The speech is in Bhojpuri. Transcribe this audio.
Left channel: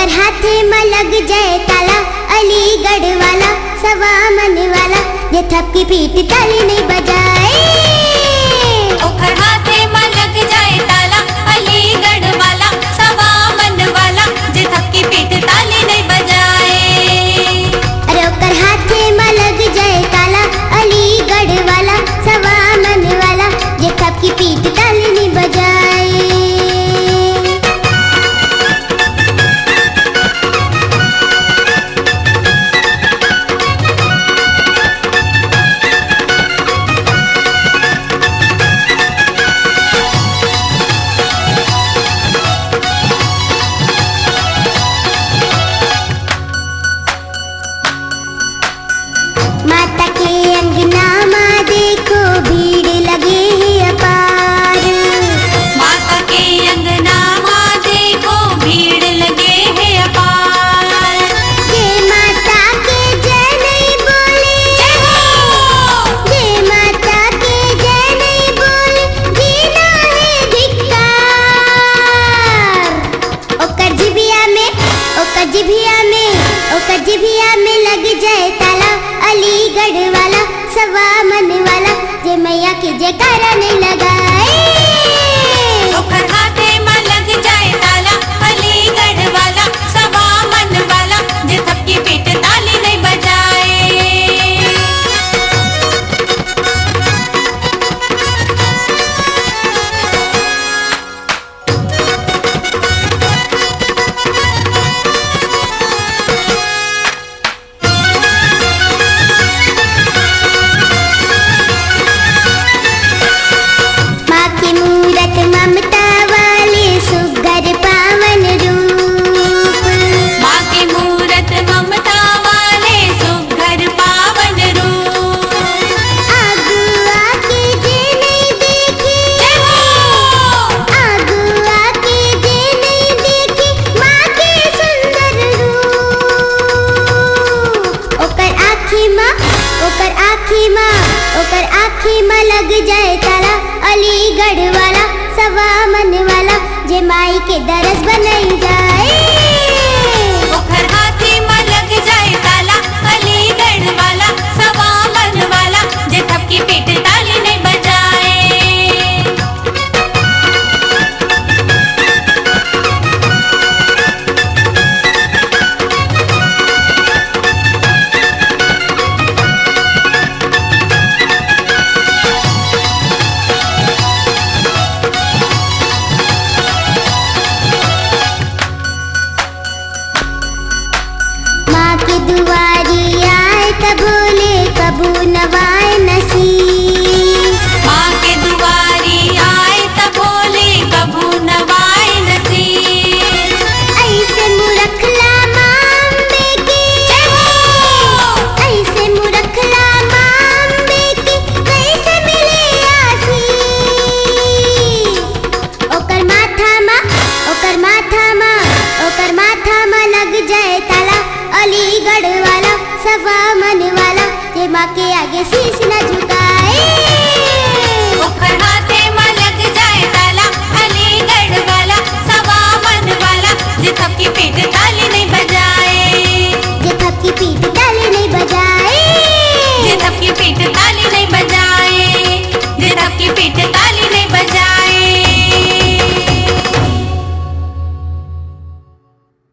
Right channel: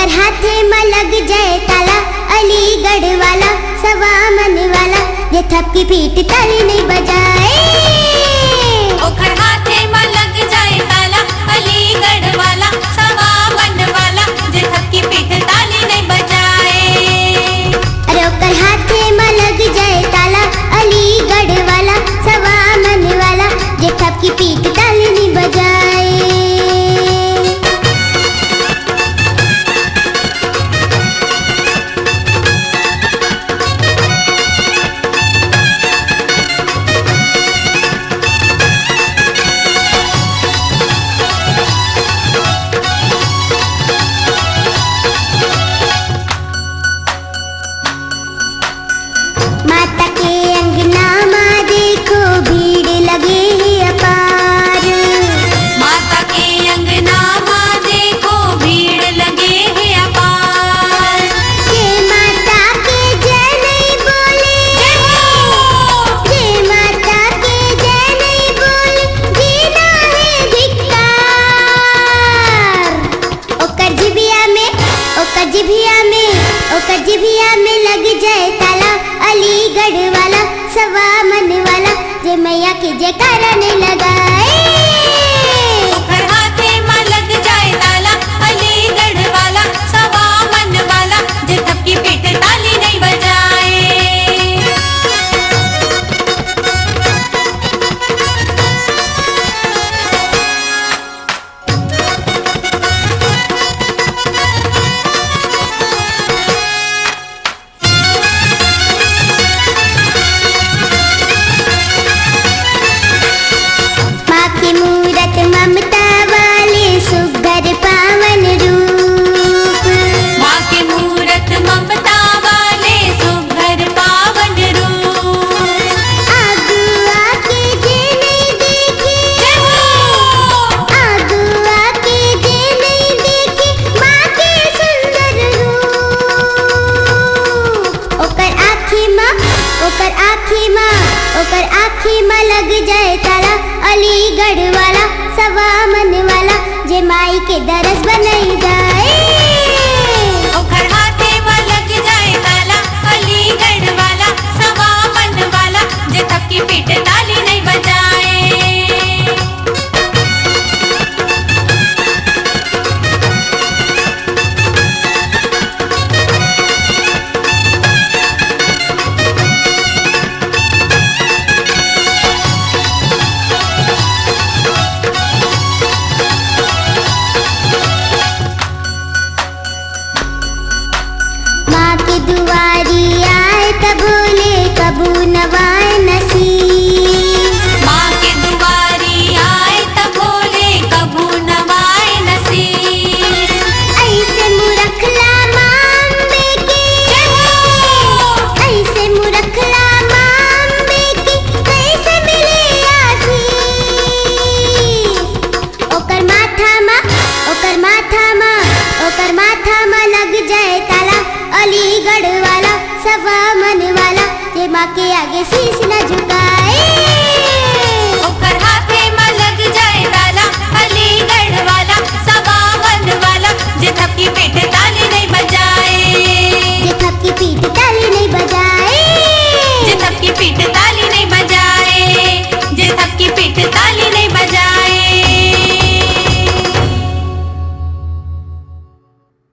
ओकर हाथे में लग जाए ताला, अलीगढ़ वाला सवा मन वाला, जे थपकी पीठ ताली नहीं बजाए। ओकर हाथे में लग जाए ताला, अलीगढ़ वाला सवा मन वाला, जे थपकी पीठ ताली नहीं बजाए। अरे ओकर हाथे में लग जाए ताला, अलीगढ़ वाला सवा मन वाला, जे थपकी पीठ ताली नहीं बजाए। माता के अंगना में देखो भीड़ लगे है अपार। माता के अंगना में देखो भीड़ लगे है अपार। जे माता के जय नहीं बोले, जे माता के जय नहीं बोले, जीना है धिक्कार। ओकर जिभिया में, ओकर जिभिया में, ओकर जिभिया में लग जाए ताला, अलीगढ़ वाला सवा मन वाला, जे मैया के जयकारा नहीं लगाए। ओकर हाथे में लग जाए ताला, अलीगढ़ वाला सवा मन वाला, जे थपकी पीठ ताली नहीं बजाए। माँ की मूरत ममता वाले सुघर पावन रूप। माँ के मूरत ममता वाले सुघर पावन रूप। आगुआ के जे नहीं देखे, आगुआ के जे नहीं देखे, माँ के सुंदर रूप। ओकर आँखी माँ, ओकर आँखी माँ, ओकर आँखी माँ लग जाए ताला, अलीगढ़ वाला सवा मन वाला, जे माई के दरस बनाई जाए। ओकर हाथे में लग जाए ताला, अलीगढ़ वाला सवा मन वाला, जे थपकी पीठ ताली नहीं बजाए। माँ के दुआरी आए तब बोले कबू नवाए नसीब। माँ के दुआरी आए तब बोले कबू नवाए नसीब। ऐसे मुरखला माँ अम्बे के, ऐसे मुरखला माँ अम्बे के, कैसे मिले आशीष। ओकर माथा माँ, ओकर माथा माँ, ओकर माथा माँ लग जाए ताला, अलीगढ़ वाला सवा मन वाला, जे माँ के आगे शीश न झुकाए।